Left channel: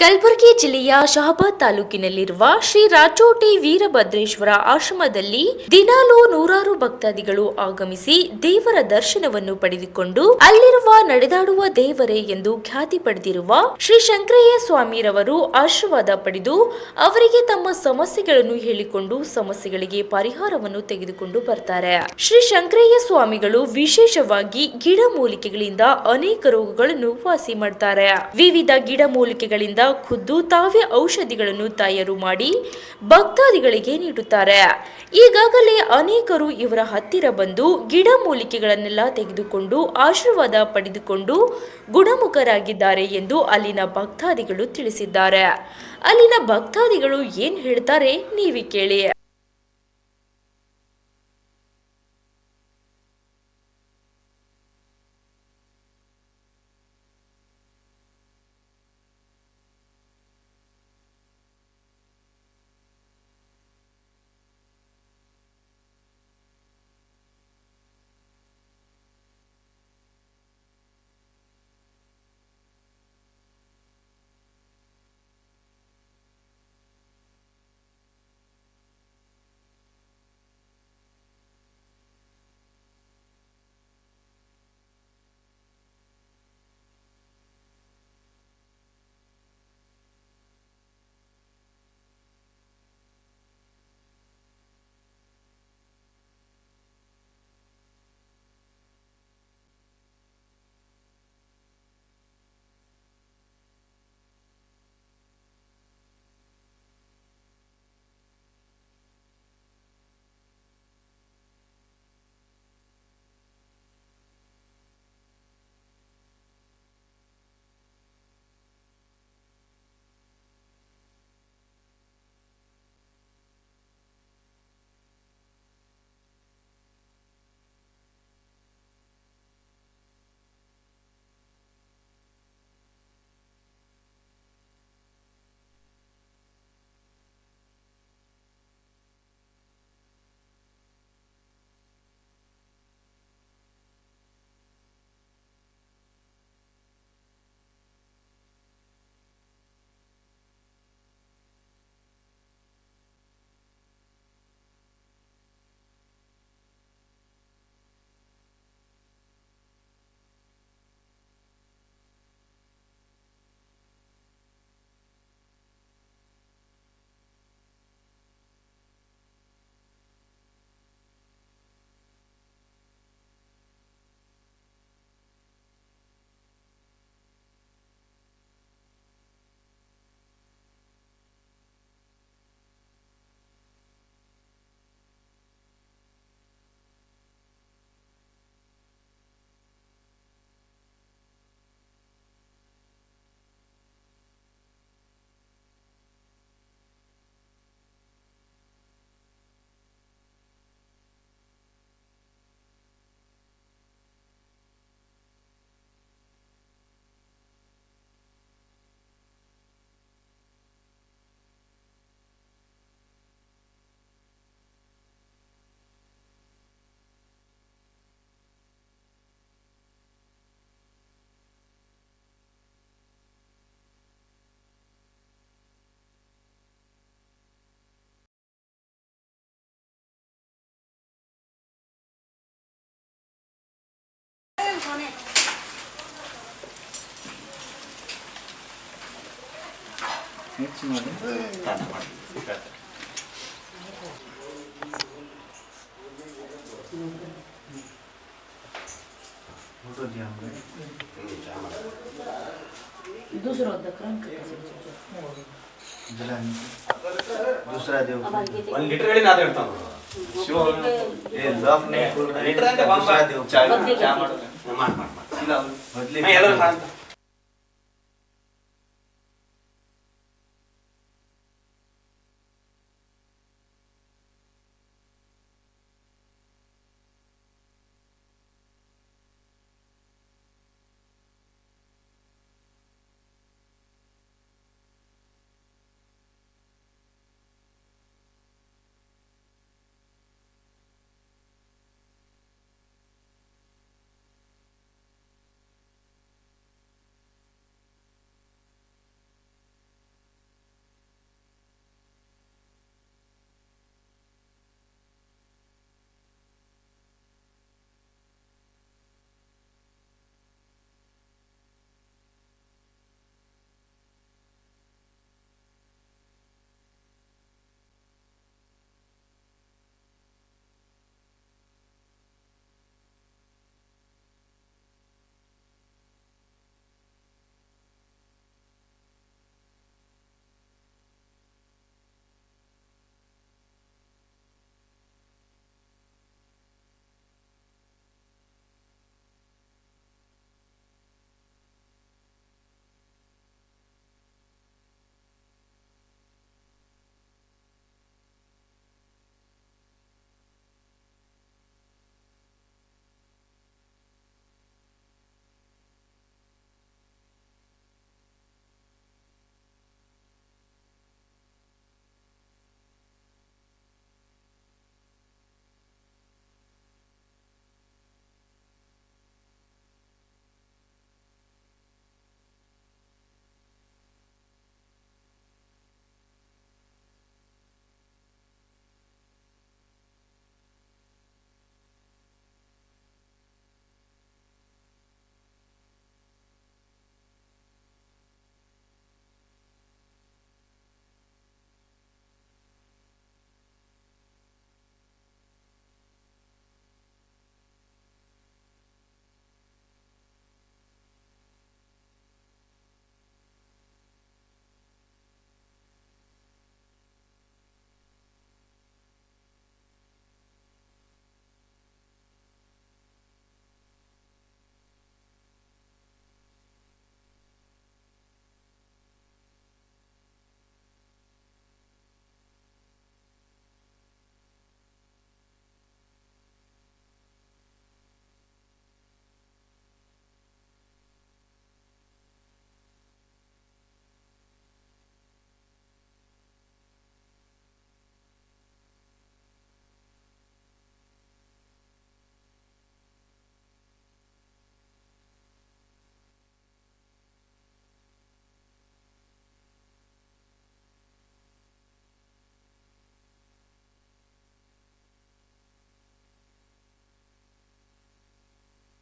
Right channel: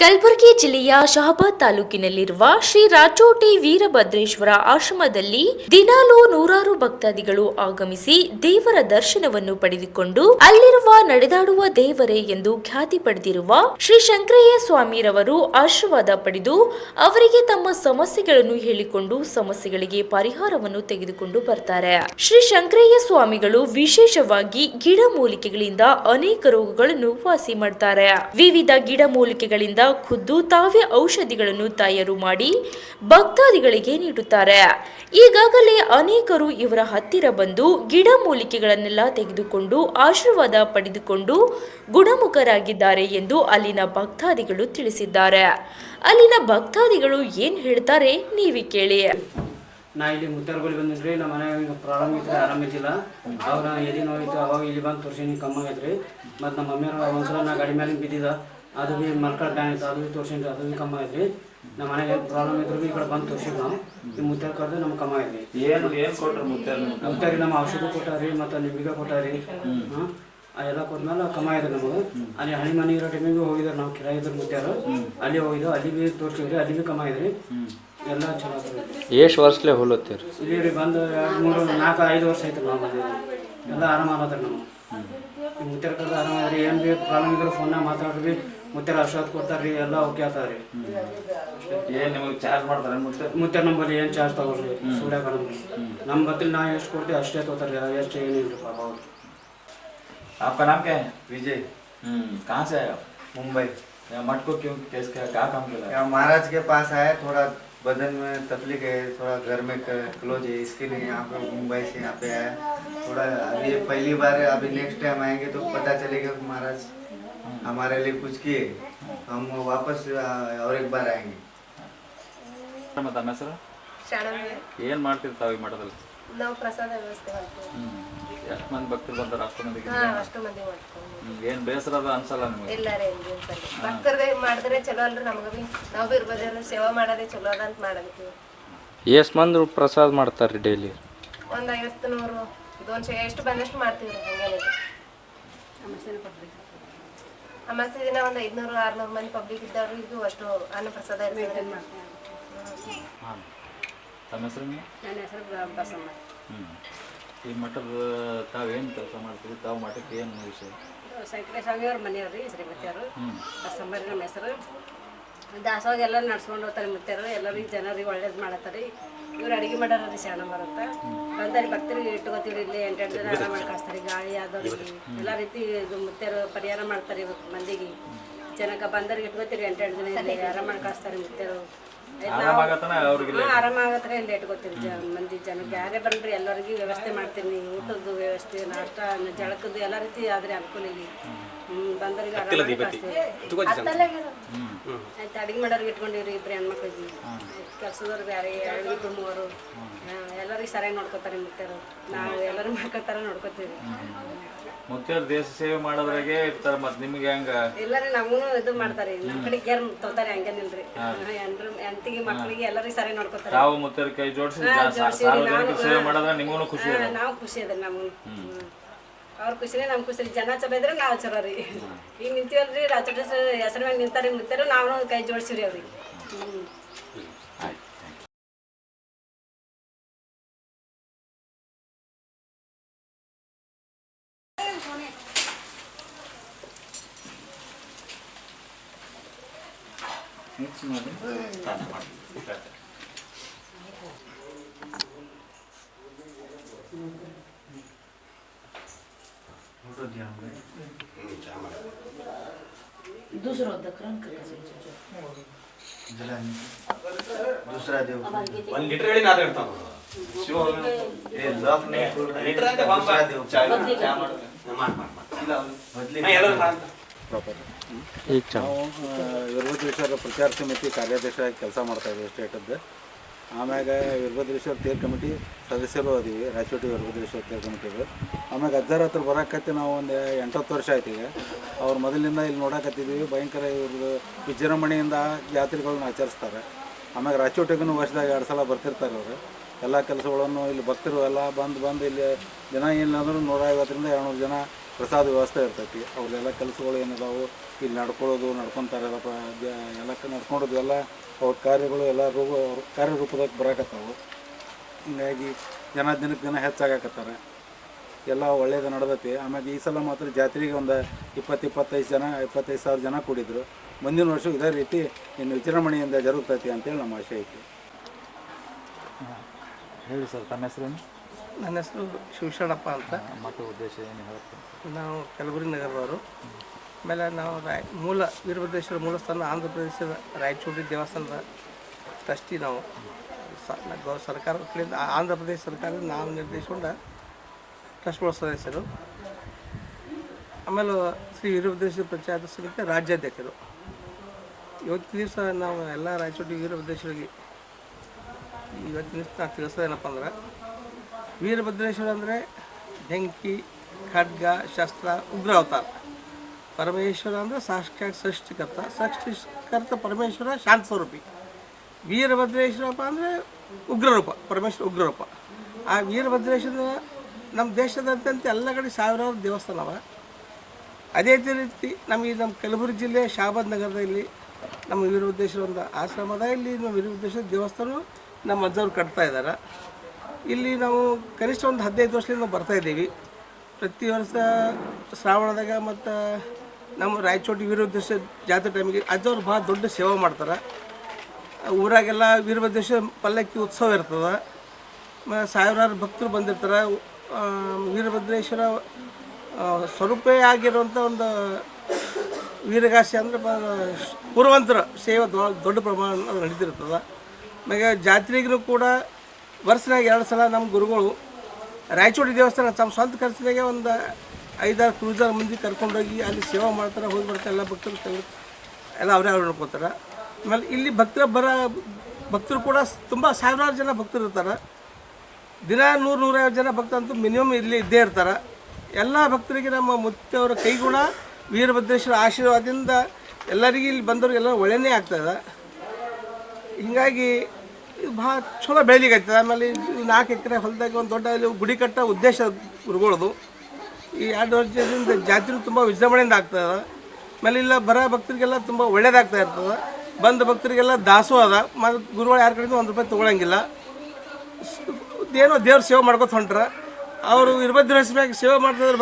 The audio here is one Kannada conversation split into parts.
ಕಲಬುರಗಿ ಜಿಲ್ಲೆಯ ಶಹಾಬಾದ್ ತಾಲೂಕಿನಲ್ಲಿರುವ ಶ್ರೀ ರಾಚೋಟಿ ವೀರಭದ್ರೇಶ್ವರ ಆಶ್ರಮದಲ್ಲಿ ದಿನಾಲೂ ನೂರಾರು ಭಕ್ತಾದಿಗಳು ಆಗಮಿಸಿ ದೇವರ ದರ್ಶನವನ್ನು ಪಡೆದುಕೊಂಡು ಅಲ್ಲಿರುವ ನಡೆದಾಡುವ ದೇವರೇ ಎಂದು ಖ್ಯಾತಿ ಪಡೆದಿರುವ ಶ್ರೀ ಶಂಕರಯ್ಯ ಸ್ವಾಮಿರವರು ಆಶೀರ್ವಾದ ಪಡೆದು ಅವರಿಗೆ ತಮ್ಮ ಸಮಸ್ಯೆಗಳನ್ನು ಹೇಳಿಕೊಂಡು ಸಮಸ್ಯೆಗಳಿಗೆ ಪರಿಹಾರವನ್ನು ತೆಗೆದುಕೊಂಡು ಬರ್ತಾರೆ. ಶ್ರೀ ಶಂಕರಯ್ಯ ಸ್ವಾಮಿಗಳು ವಿಶೇಷವಾಗಿ ಗಿಡಮೂಲಿಕೆಗಳಿಂದ ಅನೇಕ ರೋಗಗಳನ್ನು ವಾಸಿ ಮಾಡ್ತಾರೆ. ವಿವಿಧ ಗಿಡಮೂಲಿಕೆಗಳಿಂದ ಖುದ್ದು ತಾವೇ ಔಷಧಿಗಳನ್ನು ತಯಾರು ಮಾಡಿ ಭಕ್ತಾದಿಗಳಿಗೆ ನೀಡುತ್ತಾರೆ. ಈಗಾಗಲೇ ಅನೇಕರು ಇವರ ಹತ್ತಿರ ಬಂದು ಗಿಡಮೂಲಿಕೆಗಳನ್ನೆಲ್ಲ ತೆಗೆದುಕೊಂಡು ಆಶೀರ್ವಾದ ಪಡೆದುಕೊಂಡು ಗುಣಮುಖರಾಗಿದ್ದಾರೆ ಎಂದು ಅಲ್ಲಿನ ಭಕ್ತಾದಿಗಳು ತಿಳಿಸಿದ್ದಾರೆ. ಅಲ್ಲಿನ ಭಕ್ತಾದಿಗಳು ಏನ್ ಹೇಳ್ತಾರೆ ನೀವೇ ಕೇಳಿ. ನಾ ಇಲ್ಲಿ ಮುತ್ತಾರ್ಗೋಳಿ ಬಂದಿದ್ರಿ. ನಮ್ಮ ಮನೆಯಾಗ ಪ್ರಾಬ್ಲಮ್ ಇದ್ರೆ ಆರಾಮಿದ್ದಿಲ್ಲ. ಅವ್ರು ಎದೆ ನೋವಿತ್ತು, ಅವಾಗ ಇಲ್ಲಿ ಬಂದು ತೋರ್ಸೀನಿ, ಕಮ್ಮಿ ಆಗೈತ್ರಿ. ಮತ್ತು ನಮ್ಮ ಮಮ್ಮಿಯವ್ರು ಒಂದ್ಸಲ ನಾ ಗಾಡಿ ಮೇಲೆ ಬಿದ್ದಿದ್ದ, ಅದು ಭೀ ಮಲ್ಕಳ ಬ್ಯಾನ್ ಇತ್ತು, ಅದು ಭೀ ತೋರ್ಸೀನಿ, ಅದು ಭೀ ಕಮ್ಮಿ ಆಗೈತ್ರಿ. ನಮ್ಮ ಮನೆಗೆ ಪ್ರಾಬ್ಲಮ್ ಇದ್ರು ಭೀ ಈ ಕಡೆ ಬಂದು ತೋರ್ಸಿವಿ ನಾವು. ಈ ಮುತ್ತಾರ ಕರೆದು ನಮ್ಗೆ ಕಮ್ಮಿ ಆಗೈತಿ. ಏನು ಕೊಟ್ಟರು ಮುತ್ತಾರಿಗೆ ನಮ್ಮ ಔಷಧಿ ಕೊಟ್ಟಾರಿ, ಮತ್ತು ನಿಂಬಿಗೆ ಕೊಟ್ಟಾರಿ. ಎಲ್ಲ ಕೊಟ್ಮೇಲೆ ಕಮ್ಮಿ ಆಯ್ತು ನಮಗೆ. ಅಲ್ಲಿ ಹಣಿ ಮನೆ ಇರೋ ಟೈಮಿಗೆ ಹೋಗಿದ್ರು ನಾವು, ಕಿರಾಯ ಇದ್ರು ಮುತ್ತಾರು, ಅಲ್ಲಿ ಹೋಗಿದ್ದು, ಅಲ್ಲಿ ಭೀ ತೋರಿಸಿದ್ರಿ, ಅಲ್ಲಿ ಭೀ ಕಮ್ಮಿ ಆಯ್ತು. ಎಲ್ಲ ಚಲೋ ಆಗ್ತದೆ. ಎಷ್ಟು ವರ್ಷಲೇ ಹೋಲತ್ತೀರಿ ಇಲ್ಲಿ ರೀ ಬಂದು 2, 3, 4, 5 ವರ್ಷ ಆಯ್ತು ನಾವು ಬಂದಿದ್ದೀವಿ. ಎಲ್ಲ ಆರಾಮ ಆಗತ್ತಾರೆ ನಾವು. ಮುತ್ತಾರ ಕರೆದು ಆರಾಮಾದ್ರಿ. ಏನು ಭೀ ಪ್ರಾಬ್ಲಮ್ ಇದ್ರೆ ಫೋನ್ನಾಗ ಮಾತಾಡ್ರಿ, ಮುತ್ತಾರ ಔಷಧ ಕೊಡ್ತಾರೆ ರೀ, ಎಲ್ಲ ಓಕೆ ಆಗ್ತದೆ ರೀ. ಏನು ನಿಮಗೆ ಚಾರ್ಜ್ ಮಾಡ್ತಾರೆ ಮುತ್ತಾರ ನಂಬಲ್ಲಿ ಏನು ಚಾರ್ಜ್ ತಗೊಳ್ರಿ, ಸುಳ್ಯಾಗ ನಮ್ಮ ಬತ್ತಲ್ಲಿ ನಾವು ಎಷ್ಟು ಕೊಡ್ತೀವಿ ಅಷ್ಟೇ ತಗೋತಾರೆ ರೀ, ಎಷ್ಟು ಏನಿಲ್ಲ ಪಾಪ ಅವ್ರು. आपका नाम क्या है? विजय। कहाँ से आए आप? मुंबई। मठ को क्यों केस क्या काम किया? यहाँ महाराज के पास आया, थोड़ा बदन में तकलीफ है, थोड़ा घर में क्लोज है, इसके लिए यहाँ पे मुंबई से यहाँ पे आया। थोड़ा अभी पहली बार, अभी नेक्स्ट टाइम आएंगे तो पता चलेगा कि महाराज हमारे लिए कुछ किए, हम वापस और एक बार आएंगे। ತಮ್ಮ ಹೆಸರು? ಏನು ಮಾಡ್ತೀರಿ ತಾವು ಈ ಮಠದಲ್ಲಿ? ನಾವು ಪ್ರಸಾದ ವ್ಯವಸ್ಥೆ ಮಾಡ್ತೀವಿ. ಎಷ್ಟು ಮಂದಿ ಭಕ್ತರು ಬರ್ತಾರೆ? ಅಷ್ಟು ಮಂದಿಗೆ ಅಷ್ಟು ಮಂದಿ ಮಾಡ್ತೀವಿ. ಏನು ಬೇಸರ ಅದ ಅನ್ಸಲ್ಲ ನಿಮಗೆ? ಇಲ್ಲ ರೀ, ಭಕ್ತರದೇ ಮಾಡಿದ್ರೆ ಚಲೋ ಅಲ್ರಿ. ನಮ್ಗೆ ಭೀ ನಾವು ಭೀ ಇರ್ಬೋದೇನು, ಸೇವಾ ಮಾಡೋದೇ ಚಲೋ ಅದ ಅಂತ ಮಾಡಬೇಕು. ಎಷ್ಟು ಮಂದಿ ಪ್ರಸಾದ ಮಾಡ್ತಾರೆ ಡೈಲಿ? ಒಂದು 50, 100, 200 ಎಷ್ಟು ಬಂದಷ್ಟು ಮಾಡ್ತೀವಿ ರೀ. ಹಂಗೇನಿದೆ. ಅಮಾಸೆ ದಿನ ಒಂದು 500, 600 ಮಂದಿ ಪಬ್ಲಿಕ್ ಇದ್ದವ್ರು ಇದು ಅಷ್ಟು ಅನ್ನ ಪ್ರಸಾದ ಇರ್ತದೆ. ತಮ್ಮ ಹೆಸರು? ನನ್ನ ಹೆಸರು ಬಸಮ್ಮ. ಈ ಮಠದ ತಾವೇನು ಕೆಲಸ ಮಾಡ್ತೀವಿ? ತಾವು ಮಠಕ್ಕೆ ಏನು ವಿಷಯ? ಶಂಕರ ಸ್ವಾಮಿಯವ್ರ ಮನೆಯವ್ರಿ, ಶ್ರೀಮತಿಯವರು. ಬಸಮ್ಮರಿ ನಮ್ಮ ಹೆಸರು. ದಾಸೋಗ ಎಲ್ಲ ನಡ್ಸ್ಕೊಂಡು ಹೋಗ್ತಾರೆ ಮುತ್ಯಾರು. ಎಲ್ಲರಿಗೆ ಜನರಿಗೆ ಒಳ್ಳೇದು ಮಾಡತ್ತಾರೆ. ಇವ್ರು ಅಡುಗೆ ಮಾಡೋರು ರೀ, ಶಾಣ ಬರುತ್ತೆ. ಬಂದಾರಿ ಭಕ್ತರಿಗೆ ಇಟ್ಕೋತೀವಿ. ಇಲ್ಲಿ 8 ಜನ ಆರಾಮ ಮಾಡಿ ಕಳಿಸ್ತಾರೆ. ಗಾಳಿ ಆದವ್ರಿಗೆ ಎಲ್ಲ ರೀತಿ ಇದು ಮುತ್ಯಾರು ಪರಿಹಾರ ಮಾಡ್ತಾರೆ. ಇವತ್ತು ಮಂದಿಗೆ ಜನಕ್ಕೆ ಬಂದವ್ರಿಗೆ ಇಟ್ಕೋತೀರಿ. 8 ಜನ ಇಲ್ಲಿ ಆರಾಮ ಮಾಡಿ ಕಳಿಸ್ತಾರೆ ಮುತ್ಯಾರು. ಆರಾಮ ಆಗತ್ತರ ಇಲ್ಲಿ ಇಟ್ಕೋತೀರಿ. ಮಂದಿ ಜನಕ್ಕೆ ಯಾರೇ ಬಂದ್ರಿ ಎಲ್ಲರಿಗೂ ವ್ಯವಸ್ಥೆ ಮಾಡ್ತೀನಿ. ಊಟದ್ದು ವ್ಯವಸ್ಥೆ, ನಾಷ್ಟ, ಜಳಕದ್ದು ಎಲ್ಲ ರೀತಿ ಆದ್ರೆ ಅನುಕೂಲ ಇಲ್ಲಿ. ಬಂದವ್ರಿಗೆ ಆರಾಮ ಕಳಿಸ್ತೀವಿ. ಆಯ್ತು, ಅಡುಗೆ ಮಾಡೋರಿಗೆ ಇಟ್ಕೊಂಡಿವ್ರಿ. 2 ಹೆಣ್ಮಕ್ಳಿಗೆ, ಕೆಲಸದವ್ರು ಬೇರೆ 2, 3 ಎಲ್ಲರಿಗೆ ಸರಿಯಾಗಿ ನೋಡ್ಕೋತಾರೆ ಮುತ್ಯಾರು. ನಾವು ಎಲ್ಲರೂ ಮಾಡ್ಕೊತಾರ ನೋಡ್ಕೋತೀವಿ. ಮುತ್ಯಾರು ದೇಶ ಸೇವೆ ಮಾಡೋದ್ರಾಗೆ ಇರ್ತಾರೆ. ಮತ್ತು ನಿಮಗೆ ಹೆಂಗ? ಎಲ್ಲರೂ ನಮಗೂ ಇದು ಮಾಡ್ತಾರೆ. ನಮ್ಮ ಕಡೆ ಕೇರ್ ತಗೋತಾರೆ. ಹಂಗೇನಿಲ್ರಿ. ಹೆಂಡತಿಗೆ ಮಕ್ಕಳಿಗೆ ಎಲ್ಲರಿಗೆ ಸರಿಯಾಗಿ ನೋಡ್ಕೋತಾರೆ. ತಾವು ಮುತ್ಯಾರ ಕೈ ಜೋಡಿಸಿ ಸಾರ್ವಜನಿಕ ಸೇವೆ ಮಾಡೋದ್ರೆ ನಿಮಗೂ ಖುಷಿ? ನಾವು ಖುಷಿ ಅದ. ನಮಗೂ ಅವ್ರ ಖುಷಿನೇ ನಮ್ಮ ಖುಷಿ. ಜನ ಚಲೋ ಇದ್ರೆ ನಾವು ಚಲೋ ರೀ. ಈಗ ನಿಂತೀವಲ್ರಿ, ರಾಚೋಟ ಹೆಸರು ಮ್ಯಾಗ ನಿಂತಾರೆ ಮುತ್ಯಾರು, ನಾವು ಕೈ ಜೋಡಿಸಿವ್ರಿ ಅವ್ರಿಗೆ. दूसरा देव 1 ಲೀಟರ್ ಹೇಳಿ ನಾದ ಇರ್ತಾನ ಶಿವ ए लॉक नहीं खोल रहे, ಲೀಟರ್ ಅಂತ ಬಂಬ दूसरा देव ಚಾ ಮಾಡೋದು ಇಲ್ಲ बदली ಎಲ್ಲರೂ ಅಂತ ಈಗ ಚಾ ವೀರಭದ್ರೇಶ್ವರ ಪ್ರಚಾರ ಸಮಿತಿ ಕಾರ್ಯಾಧ್ಯಕ್ಷರಾಗಿ ಕೆಲಸ ಮಾಡ್ತಾಯಿದ್ದೀವಿ ಸ್ಟೇಟದ್ದು. ಆಮ್ಯಾಗ ವೀರಭದ್ರೇಶ್ವರ ತೇರು ಕಮಿಟಿ ಸದಸ್ಯರು ಅದೀವಿ, ರಾಚೋಟಿ ವೀರಭದ್ರೇಶ್ವರ ತೇರು ಕಮಿಟಿದು. ಆಮ್ಯಾಗ ಅಜ್ಜಾರ ಹತ್ರ ಬರೋಕತ್ತಿ ನಾವು ಒಂದು 8-10 ವರ್ಷ ಆಯ್ತು. ಈಗ ಅವ್ರು ಮೊದಲಿಂದ ಇಲ್ಲಿ ನೋಡಕತ್ತಿದ್ದೀವಿ. ಭಯಂಕರ ಇವ್ರದ್ದು ವಿಜೃಂಭಣೆಯಿಂದ ಜಾತ್ರೆಗಳನ್ನ ಆಚರಿಸ್ತಾರೆ. ಆಮ್ಯಾಗ ರಾಚೋಟಿಗೂ ವರ್ಷದಾಗ 2 ಸಲ ಬರ್ತಿರ್ತಾರೆ ಅವರು. ಎಲ್ಲ ಕೆಲಸಗಳನ್ನು ಇಲ್ಲಿ ಭಕ್ತರು ಎಲ್ಲ ಬಂದು ಇಲ್ಲಿ ಜನ ಏನಿಲ್ಲ ಅಂದರೂ 150ರಿಂದ 200 ಜನ ಪ್ರಸಾದ ವ್ಯವಸ್ಥೆ ಇರ್ತೈತಿ. ಅವರೆಲ್ಲ ಕೆಲಸಗಳು ಏನಿದಾವೆ ಇಲ್ಲಿ ನಡ್ಕೊಳ್ಳೋದು ನಡ್ಕೊತಾರೆ ಎಲ್ಲ ನಡ್ಕೊಂಡೋದು ಎಲ್ಲ ಅವ್ರ ಕಾರ್ಯಗಳು ಎಲ್ಲ ಕಾರ್ಯರೂಪದಾಗ ಬರಾಕತ್ತಾವು. ಹಿಂಗಾಗಿ ಜನ ದಿನಕ್ಕೆ ದಿನ ಹೆಚ್ಚಾಗಕತ್ತಾರೆ. ಎಲ್ಲ ಒಳ್ಳೇದು ನಡೆದೈತಿ. ಆಮೇಲೆ ಈ ಸಲ ಮಾತ್ರ ಜಾತ್ರೆಗೆ ಒಂದು 20-25,000 ಜನ ಕೂಡಿದ್ರು. ಮುಂದಿನ ವರ್ಷ ಇದೇ ರೀತಿ ಇನ್ನು ವಿಜೃಂಭಣೆಯಿಂದ ಜರುಗ್ತೈತಿ ಅಂತೇಳಿ ನಮ್ಮ ಆಶೆ ಐತಿ. ಹೇಳಿ ಸರ್, ತಮ್ಮ ಹೆಸರೇನು? ನನ್ನ ಹೆಸರು ಶಿವಶರಣಪ್ಪ ಅಂತ. ಮತ್ತು ಉದ್ದೇಶ ಏನು ಹೇಳ್ತೀನಿ? ನಾವು ಕಲಬುರಗಿ ನಗರದವರು. ಆಮೇಲೆ ನಾವು ಮೂಲ ವೀರಭದ್ರೇಶ್ವರ ಮೂಲಸ್ಥಾನ ಆಂಧ್ರ ಪ್ರದೇಶದ ರಾಯಚೂರು ದೇವಸ್ಥಾನದ ಟ್ರಸ್ಟಿ. ನಾವು ಸರ್ಕಾರದ ಕಡೆಯಿಂದ ಆಂಧ್ರ ಪ್ರದೇಶ ಸರ್ಕಾರದಿಂದ ನಾವು ನಿರ್ದೇಶಿಸಿಕೊಂಡ ಟ್ರಸ್ಟ್ಗಳ ಸದಸ್ಯರು. ಆಮೇಲೆ ಶ್ರೀ ವೀರಭದ್ರೇಶ್ವರ ಪ್ರಚಾರ ಸಮಿತಿ ರಾಜ್ಯಾಧ್ಯಕ್ಷರು. ಇವತ್ತಿನ ದಿವಸ ನಾವು ಎಲ್ಲ ರಾಯಚೂರು ವೀರಭದ್ರೇಶ್ವರಿಗೆ ಇವತ್ತಿನ ದಿವಸ ನಾವು ತಿಳಿಸೋದೇನಪ್ಪ ಅಂದ್ರೆ, ವೀರಭದ್ರೇಶ್ವರ ಅಂದರೆ ಬೆಂಕಿ, ಖಡ್ಗ, ಶಸ್ತ್ರ, ಉಗ್ರ ಅವತಾರ. ಪರಮೇಶ್ವರ ಅಂದರೆ ಸಾಕ್ಷಾತ್ ಸೃಷ್ಟಿಕರ್ತ ಪರಮೇಶ್ವರ ಶಾಂತ ಸ್ವರೂಪಿ. ವೀರಭದ್ರೇಶ್ವರಪ್ಪ ಅಂದರೆ ಉಗ್ರರೂಪ, ಪರಮೇಶ್ವರ ಉಗ್ರರೂಪ. ಆ ವೀರಭದ್ರೇಶ್ವರ ನಮ್ಮ ದೇಶದಾದ್ಯಂತ ಎಲ್ಲ ಕಡೆ ಸಾವಿರಾರು ದೇವಸ್ಥಾನ ಅವ. ಅದೇ ರೀತಿ ನಮ್ಮ ಕಲಬುರಗಿ ಜಿಲ್ಲೆ ಶಾಬಾದ್ ನಗರದಲ್ಲಿ ನಮ್ಮ ವೀರಭದ್ರೇಶ್ವರ ಒಂದು ಆಶ್ರಮದ. ಇಲ್ಲಿ ನಮ್ಮ ವೀರಭದ್ರೇಶ್ವರ ದೇವಸ್ಥಾನ ನಮ್ಮ ಅಜ್ಜವ್ರು ಕಟ್ತಾ ಇದ್ದಾರೆ. ಇಲ್ಲಿ ನಾವು ಕನಿಷ್ಠ ಒಂದು 15 ವರ್ಷದಿಂದ ನಾವು ಬರ್ತಾಯಿದ್ದೀವಿ. ಪ್ರತಿ ವರ್ಷ ಶ್ರಾವಣದಾಗ ಮತ್ತು ನಮ್ಮ ರಾಯಚೋಟಿ ವೀರಭದ್ರೇಶ್ವರ ಜಾತ್ರೆ ಟೈಮಿಗೆ ಅಜ್ಜವ್ರು ಭಾಳ ದೊಡ್ಡ ಸೇವೆ ಮಾಡ್ತಾರೆ. ಊರಾಗೆಲ್ಲ ವೀರಭದ್ರೇಶ್ವರ ಪಲ್ಲಕ್ಕಿ ಉತ್ಸವ ಇರ್ತದೆ. ಸಾವಿರಾರು ಭಕ್ತರು ಬಂದಿರ್ತಾರೆ. ವೀರಭದ್ರೇಶ್ವರ ಸ್ವರೂಪೇ ಆಗಿರುವಂಥ ಒಂದು ವೀರಗಾಸೆ ಅಂದರೆ ಪೂರ್ವಂತರ ಸೇವೆ ದೊಡ್ಡ ಪ್ರಮಾಣ ನಡೀತಿರ್ತದೆ. ಆಮೇಲೆ ಜಾತ್ರೆಗೂ ಕೂಡ ವರ್ಷನಾಗ 2 ಸಲ ನಮ್ಮ ಗುರುಗಳು ರಾಯಚೂರು ದೇವಸ್ಥಾನ ತಮ್ಮ ಸ್ವಂತ ಖರ್ಚಿನಾಗೆ ಒಂದು 5-6 ಕ್ರೂಸರ್ ಮಂದಿ ಕರ್ಕೊಂಡೋಗಿ ಅಲ್ಲಿ ಸೇವೆ ಮಾಡ್ತಾರೆ, ಹೋಗಿ ಬರ್ತಾರೆ. ಎಲ್ಲ ಭಕ್ತರು ಎಲ್ಲ ಅವರೇ ನೋಡ್ಕೊತಾರೆ. ಆಮೇಲೆ ಇಲ್ಲಿ ಭಕ್ತರು ಕೂಡ ತುಂಬ ಸಾವಿರಾರು ಜನ ಭಕ್ತರು ಇರ್ತಾರೆ. ದಿನ 100-150 ಜನ ಭಕ್ತರಂತೂ ಮಿನಿಮಮ್ ಇಲ್ಲಿ ಇದ್ದೇ ಇರ್ತಾರೆ. ಎಲ್ಲ ಭಕ್ತರಿಗೆ ನಮ್ಮ ಮುತ್ತವರ ಕೈಗುಣ ವೀರಭದ್ರೇಶ್ವರ ಆಶೀರ್ವಾದದಿಂದ ಎಲ್ಲರಿಗೂ ಇಲ್ಲಿ ಬಂದವ್ರಿಗೆಲ್ಲ ಒಳ್ಳೆಯೇ ಆಗ್ತದೆ. ಹೀಗಾಗಿ ಇದು ಭಾಳ ಚಲೋ ಬೆಳಿಲಿಕ್ಕೆ. ಆಮೇಲೆ 4 ಎಕರೆ ಹೊಲದಾಗ ಒಂದು ದೊಡ್ಡ ಇಲ್ಲಿ ಗುಡಿ ಕಟ್ಟೋ ಉದ್ದೇಶ ಗುರುಗಳದು. ಈ 2 ವರ್ಷದಿಂದ ಜಾತ್ರೆ ತುಂಬ ವಿಜೃಂಭಣೆಯಿಂದ ಆಗ್ತದೆ. ಆಮೇಲೆ ಇಲ್ಲ ಭಕ್ತರಿಗೆಲ್ಲ ತುಂಬ ಒಳ್ಳೇದಾಗ್ತಾ ಇರ್ತದೆ. ಬಂದ ಭಕ್ತರಿಗೆಲ್ಲ ದಾಸೋಹ ಮತ್ತು ಗುರುಗಳು ಯಾರ ಕಡೆಯಿಂದ ₹1 ತೊಗೊಳಂಗಿಲ್ಲ. ಏನೋ ದೇವ್ರ ಸೇವೆ ಮಾಡ್ಕೊತ ಹೊಂಟ್ರೆ ಅವರು ವೀರಭದ್ರೇಶ್ವರ ಸೇವೆ ಮಾಡ್ತಿದ್ರೆ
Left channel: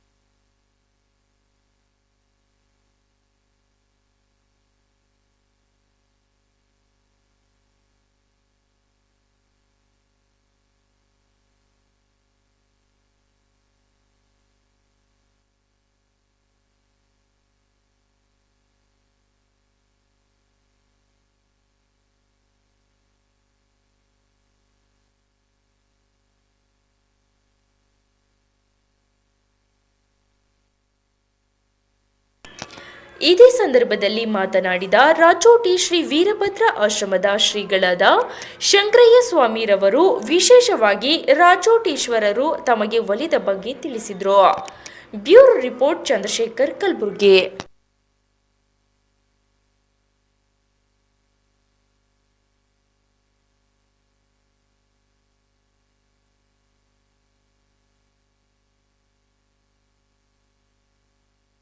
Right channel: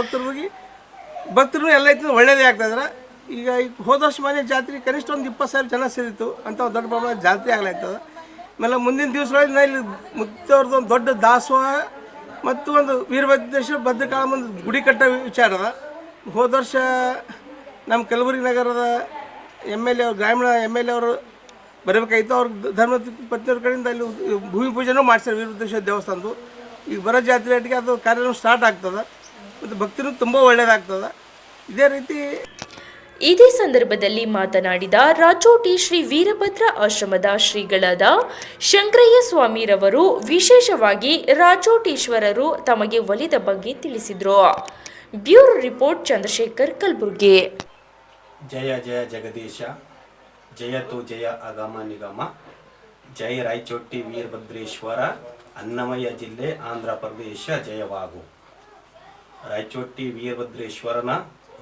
ಭಕ್ತರು ಎಲ್ಲ ಐತಿ ಒಳ್ಳೇದೇ ಆಗ್ತಾಯಿದ್ರೆ. ಈಗ ಹೋದ ವರ್ಷ ಮನೆ ಜಾತ್ರೆ ಕನಿಷ್ಠ ಒಂದು 20,000 ಜನ ಸೇರಿತ್ತು ಅಂತ ಒಂದು ದೊಡ್ಡ ಪ್ರಮಾಣ ಜಾತ್ರೆ ಆಗ್ಲಾಗ್ತದೆ. ಆಮೇಲೆ ಮುಂದಿನ ದಿವಸಗಳಲ್ಲಿ ಇಲ್ಲಿ ಮುತ್ತವ್ರದ್ದು ಒಂದು ದೊಡ್ಡ ದಾಸೋಹ ಮತ್ತು ಒಂದು ವೀರಭದ್ರೇಶ್ವರ ಭದ್ರಕಾಳ ಒಂದು ಗುಡಿ ಕಟ್ಟೋ ವಿಚಾರ ಅದ. ಹೋದ ವರ್ಷ ನಮ್ಮ ಕಲಬುರಗಿ ನಗರದ MLA ಅವರು, ಗ್ರಾಮೀಣ MLA ಅವರು ಬರಬೇಕಾಗಿತ್ತು. ಅವ್ರ ಧರ್ಮ ಪತ್ನಿಯವ್ರ ಕಡೆಯಿಂದ ಅಲ್ಲಿ ಭೂಮಿ ಪೂಜೆನೂ ಮಾಡ್ತಾರೆ ವೀರಭದ್ರೇಶ್ವರ ದೇವಸ್ಥಾನದ್ದು. ಈಗ ಬರೋ ಜಾತ್ರೆ ಅಟ್ಟಿಗೆ ಅದು ಕಾರ್ಯ ಸ್ಟಾರ್ಟ್ ಆಗ್ತದೆ ಮತ್ತು ಭಕ್ತರು ತುಂಬ ಒಳ್ಳೆಯದಾಗ್ತದೆ. ಇದೇ ರೀತಿ ಇದೇ ಸಂದರ್ಭದಲ್ಲಿ ಮಾತನಾಡಿದ ರಾಚೋಟಿ ಶ್ರೀ ವೀರಭದ್ರ ಆಶ್ರಮದ ಶ್ರೀಗಳಾದ ಶಂಕರಯ್ಯ ಸ್ವಾಮಿರವರು ವಿಶೇಷವಾಗಿ ರಾಚೋಟೀಶ್ವರರು ತಮಗೆ ಒಲಿದ ಬಗ್ಗೆ ತಿಳಿಸಿದರು. Bureau report Chandrashekar, Kalaburagi. ಜಯ ಜಯ ಜಗದೀಶ, ಜಯತು ಜಯ ಅಗಮ ನಿಗಮ, ಜಯ ರಾಯಚೋಟಿ ವೀರಭದ್ರೇಶ್ವರ, ಅನ್ನಮಯ್ಯ ಜಿಲ್ಲೆ, ಆಂಧ್ರ ಪ್ರದೇಶ ಜಯವಾಗು. ರಾಯಚೋಟಿ ವೀರಭದ್ರೇಶ್ವರನ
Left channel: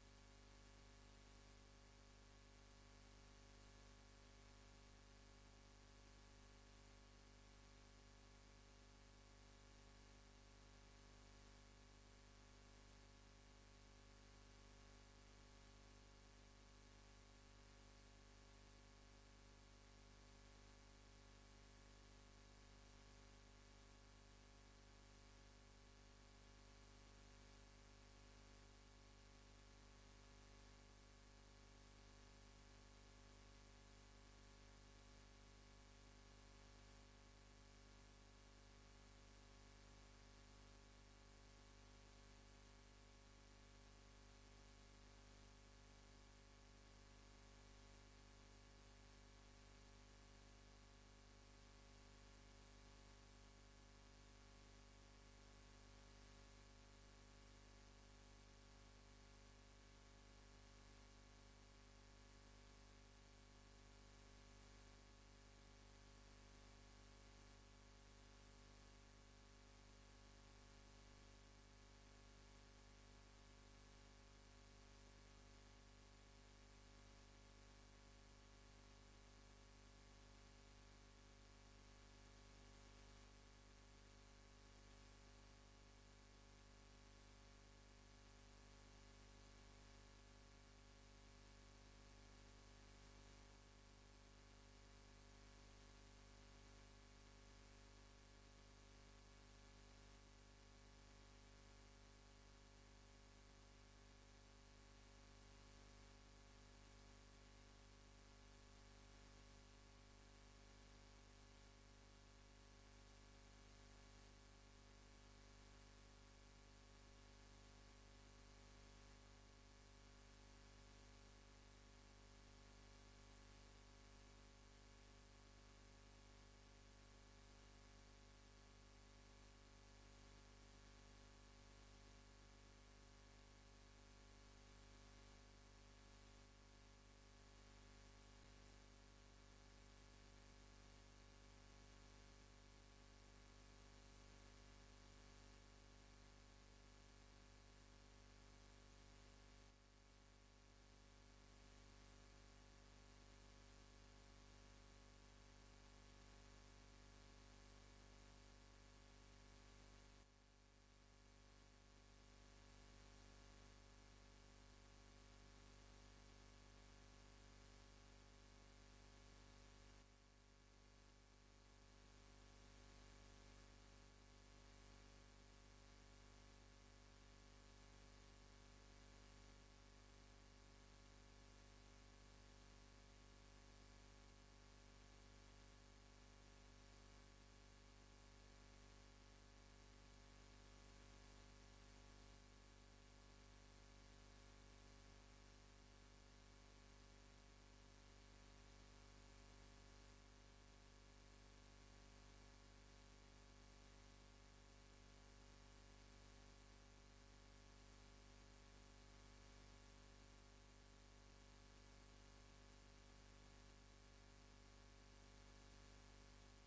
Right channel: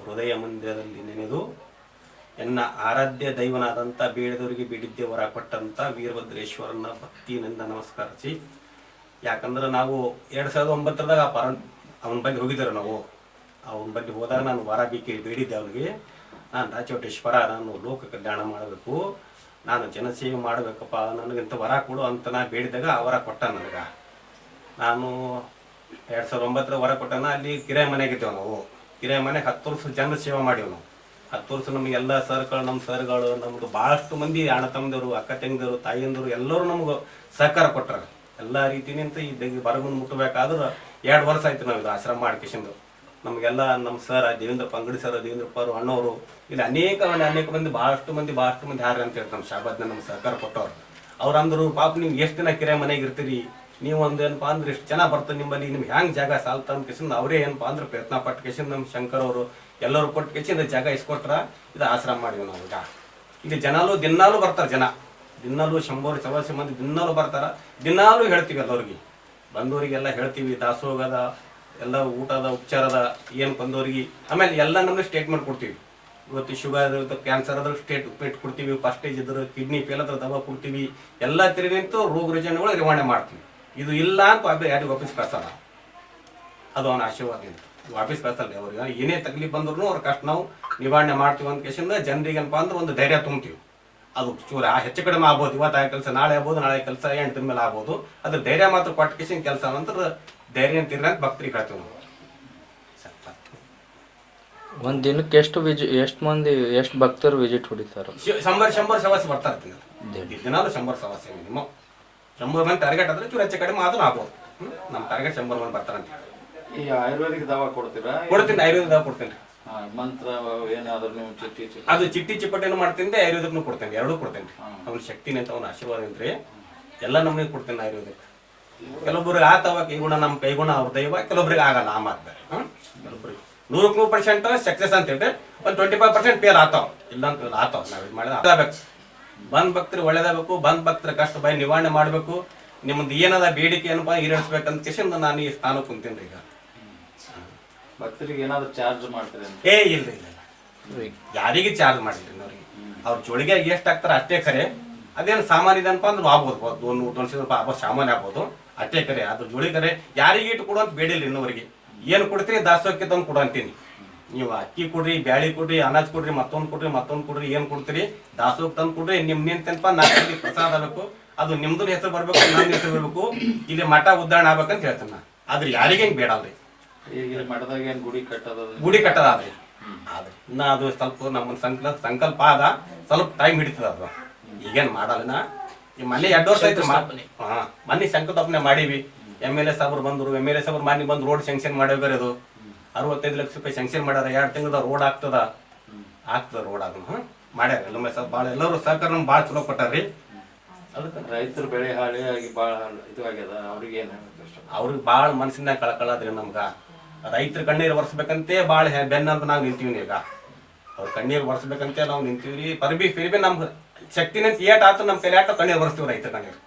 ಹೃದಯ ಮಂದಿರದಲ್ಲಿ ನೆನೆದು ಎನ್ನ ಆರಾಧ್ಯ ದೈವನಾದಂಥ ಬೇಡದವರಿಗೆ ಬೇಡಿದ್ದೆ ವರ ಕೊಟ್ಟಂಥ ವೀರಭದ್ರೇಶ್ವರನ ಭಕ್ತಿಯಿಂದ ನಮಸ್ಕರಿಸಿ. ಯಾಕಂದ್ರೆ ನಾವು 2009ದಾಗ ಅವನ ಬಳಿ ಹೋಗಿದ್ದಾರೆ. ನಾವು ಅವನ ಬಳಿ ಹೋದಾಗ ನಾನು ವರ ಬೇಡಿದ್ದೆ ಅವ್ರಿಗೆ. ನಾನು ರಾಚೋಟೇಶ್ವರ, ನಾನು ಲೋಕ ಕಲ್ಯಾಣ ಮಾಡಬೇಕು, ನಾನು ಜನಸೇವೆ ಮಾಡಬೇಕಪ್ಪ, ನನಗಿಂತ ವರ ಕೊಡು ಅಂತ ನಾ ಬೇಡಿದಾಗ ಆ ವರ ಕೊಟ್ಟ ನನಗೆ. ನಾನು 2009 ವರ ಕೊಟ್ಟನ. ಅಲ್ಲಿ ಕಿರಾಯ ಮನೆಗಿದ್ದೇವೆ ನಾವು. ಕಿರಾಯ ಮನೆಗೆ 10 ವರ್ಷ ಜನ ಸೇವೆ ಮಾಡೀವಿ ನಾವು. 10 ವರ್ಷ ನಮಗೆಲ್ಲ ಸರ್ಗಳು, ನಮ್ಮ ಸರ್ಗಳು, ನಮ್ಗೆ ಭಾಳಷ್ಟು ಮಂದಿ ಅಣ್ಣ ತಮ್ಮದವರು, ಅಕ್ಕ ತಂಗಿದವರು, ತಾಯಿಯಂದರು ಎಲ್ಲರೂ ನಮ್ಗೆ ಸಹಕಾರ ಕೊಟ್ಟರು. ಎಲ್ಲ ರೀತಿನಿಂತ ಈ ಬರಗುಂದು ಮುಟ್ಟಬೇಕಾದ್ರೆ 2 ವರ್ಷ ಆಯ್ತು ನಾವು ಇದು ಆಶ್ರಮ ಮಾಡ್ಕೇಶಂದು. ನಮಗೆಲ್ಲ ನಮ್ಮ ಸರ್ ದೇವೇಂದ್ರಪ್ಪ, ಅಂಗಡಿ ಸರ್, ದೇವೇಂದ್ರಪ್ಪ ಅವರು, ಅಣ್ಣವರು, ಇಲ್ಲಿ ಅನೇಕ ಮಂದಿ ಭಾಳಷ್ಟು ಮಂದಿ ಹಾರ ಅಂತ ಹೇಳ್ತಾರೆ. ನಮ್ಮ ಶಾಬಾದ್ನ ನಮ್ಮ ಸಹಕಾರ ಕೊಟ್ಟವ್ರು. ಅವ್ರು ಅಂದರು, ಪಾಪ ನೀವು ಎಷ್ಟು ದಿನ ಕಿರಾಯ ಮನೆಗೆ ಇರ್ತೀರಿ, ನೀವು ಒಂದು ಏನಪ್ಪ ಅಂದ್ರೆ ಎಷ್ಟು ಜನ ಬರ್ತದೆ ನಿಮ್ಮಲ್ಲಿ, ನಿಮ್ಗೆ ಹೆಂಗೆ ಜಾಗ ಸಾಲ್ತ ಅಂತ ಕೇಸಿಂದ ಅವರೇ ಏನಪ್ಪ ಅಂದ್ರೆ ಪ್ರಯತ್ನ ಪಟ್ಟು ಕೇಸಿಂದ ನಮ್ಮ ಶಂಕರ್ ಅವರು ಎಲ್ಲರೂ ಕೊಟ್ಟು ಕೇಸಿಂದ ಜಾಗ ಇಸ್ಕೊಟ್ರ ಇದು ಆಶ್ರಮ ಮಾಡಿವಿ ನಾವು. ಈಗ ಇಲ್ಲಿ ದಿನಾಲೂ ಬರ್ತಾರೆ ಜನ. ದಿನಾಲೂ 100-150 ಮಂದಿ ದಿನಾಲೂ ಬರ್ತಾರೆ. ದಿನಾಲೂ ಹೇಳ್ತೀವಿ ಎಲ್ಲರಿಗೆ, ಬಂದವರಿಗೆಲ್ಲ ಹೇಳ್ತೀವಿ. ದಾಸೋಗದ ಎಲ್ಲ ಊಟದ ಉಪಚಾರದ ಏನು ಬಂದವ್ರಿಗೆ ಆಮೇಲೆ ಎಲ್ಲ ನಮಗೆ ಸ್ಟೇಟ್ಮೆಂಟ್ ಕೊಡ್ತೀವಿ. ಇವತ್ತು ಶುಗರ್ ಇರುತ್ತೆ, ಕ್ಯಾನ್ಸರ್ ಅದ್ರ ಸ್ಟೇಟ್ಮೆಂಟ್ ಕೊಡ್ತೀವಿ, ಫಸ್ಟ್ ಸ್ಟೇಜ್ ಇದ್ರೆ ಕಿಡ್ನಿ ಫೇಲ್ ಅದ್ರ ದವಾ ಕೊಡ್ತೀವಿ. ಎಲ್ಲ ತಿರುಗಿಂತೂ ರೋಗ ರುಜಿನಗಳು ನಿರ್ವಹಣೆ ಮಾಡ್ತೀವಿ. ಇದು ಇಲ್ಲ ಅಂತ ಯಾರಿಗೆ ವಾಪಸ್ ಕಳ್ಸಲ್ಲ, ಅದು ಅವನ ಆಶೀರ್ವಾದ ಅಂತ ವಾಪಸ್ ಕಳ್ಸಲ್ಲ. ಅವ್ರಿಗೆ ಏನೇ ತಕ್ಲೀಫ್ ಬಂದ್ರು ಅವ್ರ ಕಷ್ಟ ನಾವು ನಿವಾರಣೆ ಮಾಡ್ತೀವಿ ಅಂತ ಕೇಸಿಂದ ಜನರಿಗೆ ಏನಪ್ಪ ಅಂದ್ರೆ ಒಂದು ಧೈರ್ಯ ತುಂಬ್ತೀವಿ. ಅದು ಚೂರ ಹೆಚ್ಚು ಕಡಿಮೆ ಆಗ್ಬೋದು, ಇವತ್ತು ಆ ಕೆಲಸ ನಾಳೆ ಆಗ್ಬೋದು, ನಾಳೆ ಕೆಲಸ 8 ದಿನ ಮೇಲೆ ಆಗ್ಬೋದು. ಅದ್ರ ಧೈರ್ಯ ಮಾತ್ರ ಕೊಟ್ಟ ಕೇಸಿನ ಕೆಲಸ ನಂತರ ಧೈರ್ಯ ಅಂತಿರ ಅಂತ ಭಕ್ತರಿಗೆ ಹೇಳ್ತೀವಿ ನಾವು. ಒಂದು ದಿನಕ್ಕೆ ಎಷ್ಟು ಮಂದಿ ಎಷ್ಟು ಭಕ್ತರು ವಿಸಿಟ್ ಹೊಡಿತಾರೆ? 100 ಸವಾಸಿ ಬರ್ತಾ ಇರ್ತೀನಿ ದಿನಾಲು 100 ಸವಾಸಿ ಮಿನಿಮಮ್. 100 ಮಂದಿ ಟಾರ್ಗೆಟ್ ಆದ್ರೆ ಚೂರು ಹೆಚ್ಚು ಕಡಿಮೆ ಆದ್ರೂ ಆಗ್ಬೋದು. ನಮ್ಮ ಟಾರ್ಗೆಟ್ 100 ಮಂದಿ ಬರ್ತಾರಂತ. ಈ ಆಯುರ್ವೇದಿಕ್ ದವಾ ಕೊಡ್ತೀರಾ? ಕೊಡ್ತೀನಿ, ಆಯುರ್ವೇದ ದವಾ ಕೊಡ್ತೀನಿ. ಮಂತ್ರ ಏನಾದ್ರು ನೀವು ಚಿಟ್ಟಿ ಅದು ಚಿಟ್ಟಿ ಚಿಪ್ಪಟ್ಟೆನೂ ಮಾಡ್ತೀನಿ, ಆಯುರ್ವೇದಕ್ಕೂ ಕೊಡ್ತೇನೆ, ಎರಡೂ ಕೊಡ್ತೇನೆ. ಅವ್ನ ಶಕ್ತಿನ ಅಂತ ಅವ್ನ ಆಶೀರ್ವಾದ ಅಂದ್ರೆ ಎಲ್ಲ ನಮಗೆ ಕೊಡ್ತೇನೆ ಆಯುರ್ವೇದಕ್ಕೆ. ಕೆಲವೊಬ್ರಿಗೆ ಆತವ ಕೈಗುಣ, ನಮ್ಮ ಕೈಗುಣ ಅವ್ರ ದೈವ, ಕೆಲವೊಬ್ರಿಗೆ ಆಗಲ್ಲ. ಆ ಮಾತು ಕೆಲವೊಬ್ರಿಗೆ 100% ಸಕ್ಸಸ್ ಅಂತ ಹೇಳ್ರಿ, ಒಂದು 25% ಫೇಲ್ ಆತಾವ. ಇಲ್ಲ ಅಂತ ಆತಾವ. ನಾವು ಇದು ಮಾಡಿದ ಆಗಬೇಕು. ಬಂದ್ ಭಕ್ತರು ಒಳ್ಳೇದಾಗಬೇಕು, ಬಂದ್ ಭಕ್ತರ ಕಷ್ಟ ಭಯ ನಿವಾರಣೆ ಮಾಡಬೇಕು. ನಿಮ್ಮದು ಏನದ ಬೇಡಿಕೆ ಏನಪ್ಪ ಈಡೇರಿಸ್ಬೇಕಂತ ಕೇಸಿಂದ ನಾನು ಈ ಸ್ಥಾನ ಕುಂತೀನಿ ಈಗ. ಭಕ್ತರಿಗೆ ಏನಾದ್ರು ಚಾರ್ಜ್ ಮಾಡ್ತೀರಿ? ಇಲ್ಲ ಯಾರಿಗೆ ಚಾರ್ಜ್ ಮಾಡಿದ್ರಿ ಅವ್ರಿಗೆ. ಅವ್ರ ಜೋಳಿಗೆ ಎಷ್ಟು ಹಾಕ್ತಾರೆ ಅಷ್ಟೇ ಖರೆ. ಅದೇನು ಸಾಮಾನ್ಯ ಇದೆ ಅನ್ಪ ಅಂದ್ರೆ ಆಗ್ಬೋದು, 100-200 ರೂಪಾಯಿ ಸಾಮಾನ್ಯ ಆಗ್ಬೋದು, ಅಷ್ಟೇ ಖರೆ. ಅದ್ರ ಜೋಳಿ ಖರೆ ಯಾರಿಗೆ ಇಟ್ಟು ಕೊಡುವಂತ ಬೇಡಿಲ್ಲ ಇನ್ನವರಿಗೆ. ಏನು ಕೊಡ್ತೀರಿ ದಾಸೋಹಕ್ಕೆ ತಂದು ಕೊಡು ಅಂತೀನಿ. ನೀವು ಅಕ್ಕಿ ಕೊಡ್ರಿ, ಬ್ಯಾಳಿ ಕೊಡ್ರಿ, ಅನಾಜ್ ಕೊಡ್ರಿ, ಮತ್ತೊಂದು ಕೊಡ್ರಿ, ಏನು ಕೊಡ್ತೀರಿ ದಾಸೋಹಕ್ಕೆ ತಂದು ಕೊಡ್ರಿ. ನಿಂತೆನಪ್ಪ 4 ಪ್ರಸಾದ ಆಗಬೇಕು, ಅದು ನಿಮ್ದು ಹೆಸರು ಬರ್ಬೇಕು, ನನ್ನ ಹೆಸರು ಬರ್ಬೇಕು, ಇಲ್ಲಿ ಮಠ ಉದ್ಧಾರಣೆ ಆಗ್ಬೇಕಂತ ಹೇಳ್ತೀನಿ ನಾ. ಆದ್ರೆ ಯಾರಿಗೆ ಹೆಂಗೆ ಬೇಡ ಅಲ್ರಿ. ಈಗ ಮಠದಾಗ ಏನು ಗುಡಿ ಕಟ್ಟದಾದ್ರಿ ಆದ್ರೆ ಇನ್ನ ಅದು ಸ್ವಲ್ಪ ನಮ್ಮ ಸಂಕಲ್ಪ ಆದ, ಸ್ವಲ್ಪ ಟೈಮ್ ಹಿಡಿತದ. ಅದು ಈಗೇನು ಮಾಡಲ್ಲ. ಈ ಮನೆ 2 ವರ್ಷ ಆಯ್ತು ಮನೆ ಶಂಕುಸ್ಥಾಪನೆ ಮಾಡೀವಿ. MLA ಸಾಬ್ರು ಬಂದರು, MLA ಸಾಬ್ರು ಮನೆ ಬಂದು ರೋಡ್ ಸ್ಯಾಂಕ್ಷನ್ ಮಾಡೋಗ್ರಿ. ಅದು 65 ಲಕ್ಷ ರೂಪಾಯಿ ಸ್ಯಾಂಕ್ಷನ್ ಮಾಡ್ಯಾರ. 2 ತಿಂಗಳದ ರೋಡ್ ಆಗ್ತದ ರೋಡ್ ಆಗ ಮಾಡ್ಯಾರ. ಎಲ್ಲರೂ ಸಹಕಾರ ನಮ್ಗೆ ಭಾಳ ಚಲೋ ಕೊಟ್ಟಾರ್ರಿ. ಅದಕ್ಕೆ ರೈತರು ಬೆಳೆ ಹಾಳಿ ಆಗಿ ಭಾಳ ಇದು ಆಗ್ಯದ. ಅವ್ರಿಗೆ ಏನು ಅವ್ರಿಗೆ ಭಾಳ ಮನಸ್ಸಿನ ಕಳ್ಕೊಳ್ಳೋದ್ರಿ. ನಮ್ಗೆ ರೈತರ ಕಣ್ಣೀರು ಒರೆಸ್ಬೇಕಂತೆ ಭಾಳ ಬೆನ್ನಂತ ನಾವು ನಿಂತೀವಿ. ಈಗ ಅವ್ರ ಕಣ್ಣೀರು ಒರೆಸ್ಬೇಕಂತೆ ನಾವು ನಿಂತೀವ್ರಿ. ಫಿರ್ಬಿ ನಮ್ಗೆ ಶಕ್ತಿನಂತ ಏಟ್ ಆತು ನಮ್ಮ ಕೈಲಿ ಆಟ ಕಣ್ಣೀರು ಒರೆಸ್ತೀವಿ ರೈತರ ಕಣ್ಣೀರು.